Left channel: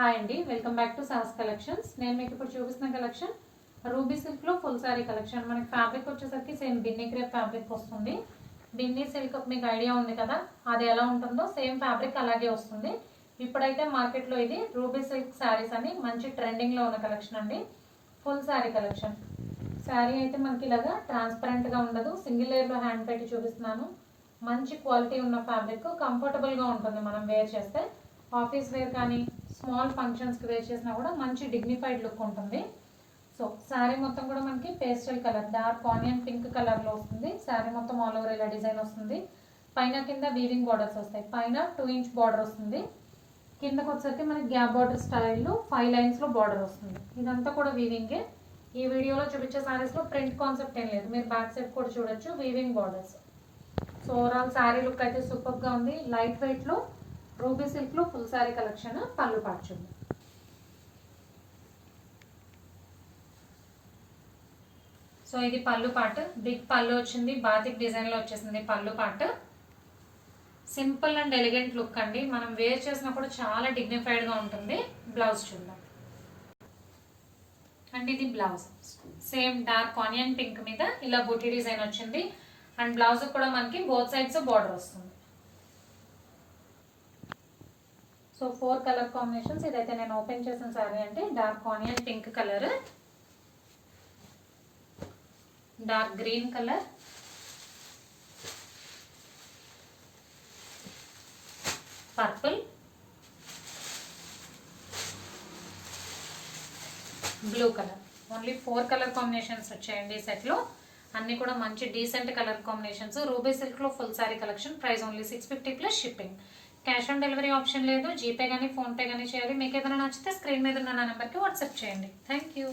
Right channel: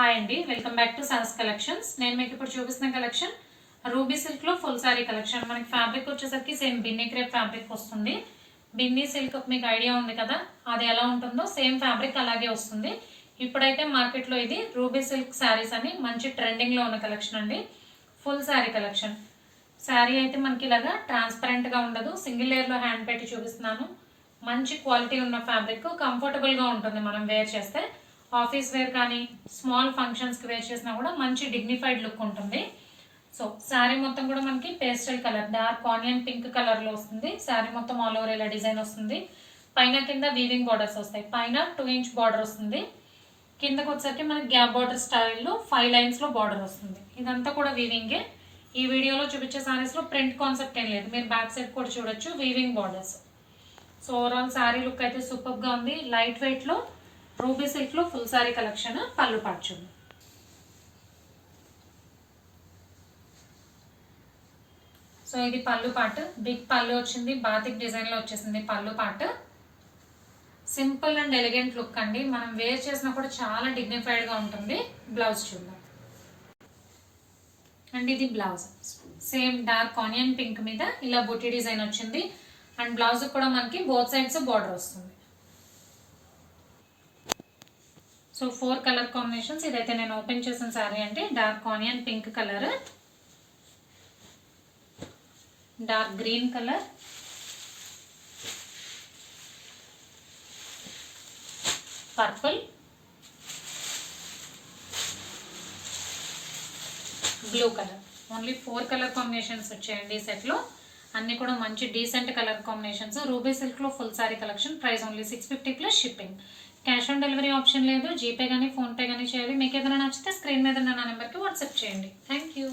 Hi అండి, welcome back to sauce collections. నేను మీకు ఇప్పుడు చూపిస్తున్న కలెక్షన్ రూబీ సిల్క్ లో ఫుల్ సారీ కలెక్షన్. మనకి ఫ్యాబ్రిక్ వచ్చేసరికి సేమ్ బిన్నీ క్రేప్ ఫ్యాబ్రిక్ వస్తుంది. బిన్నీ సిల్క్ మీకు ఐడియా ఉంది కదా, అది ఎలా ఉంటుందో సేమ్ ఫ్యాబ్రిక్ అలాగే వస్తుంది. ఇప్పుడైతే మార్కెట్లో ఇది రూబీ సిల్క్ శారీస్ అని మంచి ట్రెండింగ్ లో ఉన్న కలెక్షన్ అండి. Full sari collection. శారీ అయితే మనకి ఇలాగా ట్రాన్స్పరెంట్ గా ఉండదు, సింగిల్ లేయర్ లో హ్యాండ్ పెట్టి చూపిస్తున్నాను. మంచి క్వాలిటీ ఉన్న ఫ్యాబ్రిక్, కంఫర్టబుల్ గా ఉంటుంది మనం వేర్ చేస్తే. ఆఫీస్ వేర్ కానీ స్మాల్ ఫంక్షన్స్కి వేర్ చేసినా కూడా మంచి డిగ్నిఫైడ్ లుక్ ఉంటుంది. సో శారీ మొత్తం కూడా మనకి pastel colour, dark onion pink కలర్లో వస్తుంది. శారీ మొత్తం ఆల్ ఓవర్ ఇలా డిజైన్ వస్తుంది. పైన కింద వీవింగ్ బార్డర్స్ వస్తాయి. పైన 2 ఇంచ్ బార్డర్ వస్తుంది. కిందకు వచ్చేసరికి మనకి గ్యాప్ బార్డర్ స్టైల్లో 5 లైన్స్లో బార్డర్ వస్తుంది. ఇదంతా కూడా వీవింగే. ఈ వీడియోలో చూపించే శారీస్లో ప్రింట్ కాన్సెప్ట్ ఏం లేదు, మీరు బ్యాక్ సైడ్ కూడా చూడొచ్చు weaving borders. So overall sari look అయితే సూపర్గా ఉంది. లైట్ వెయిట్లో రూబీ సిల్క్ లో ఫుల్ సారీ కలెక్షన్. పళ్ళు పార్ట్ చూడండి. సో ఇది పళ్ళు పార్ట్, బిగ్ పళ్ళు వచ్చింది, బాతిక్ డిజైన్ లో వచ్చేసింది పళ్ళు part. Simple and elegant look అండి, మనం వేర్ చేసినా కూడా చాలా డిగ్నిఫైడ్ గా ఉంటుంది. బ్లౌజ్ చూద్దాం. అండ్ ఇది blouse same dark onion pink మీద ఇలా బుటీ డిజైన్ వచ్చింది. అండ్ బ్లౌజ్ కూడా మనకి బోత్ సైడ్స్ బార్డర్ వస్తుంది. So 4 colour combinations. ఇదైతే నేను ఓపెన్ చేసిన శారీ అంటే dark onion pink colour, dark green colour, purple, blue colour. Only 4 colour combinations వచ్చాయండి ఈ సెట్లో. అన్ని కూడా మంచి decent colour combinations. Ruby silk లో full sari collection. Price only 650 plus shipping. Cash on delivery option లేదు, జీపే కానీ ఫోన్పే కానీ చేయాలి. మీకు ఏదైనా నచ్చితే స్క్రీన్ మీద ఉన్న నా నెంబర్కి వాట్సాప్ చేయండి. Thank you.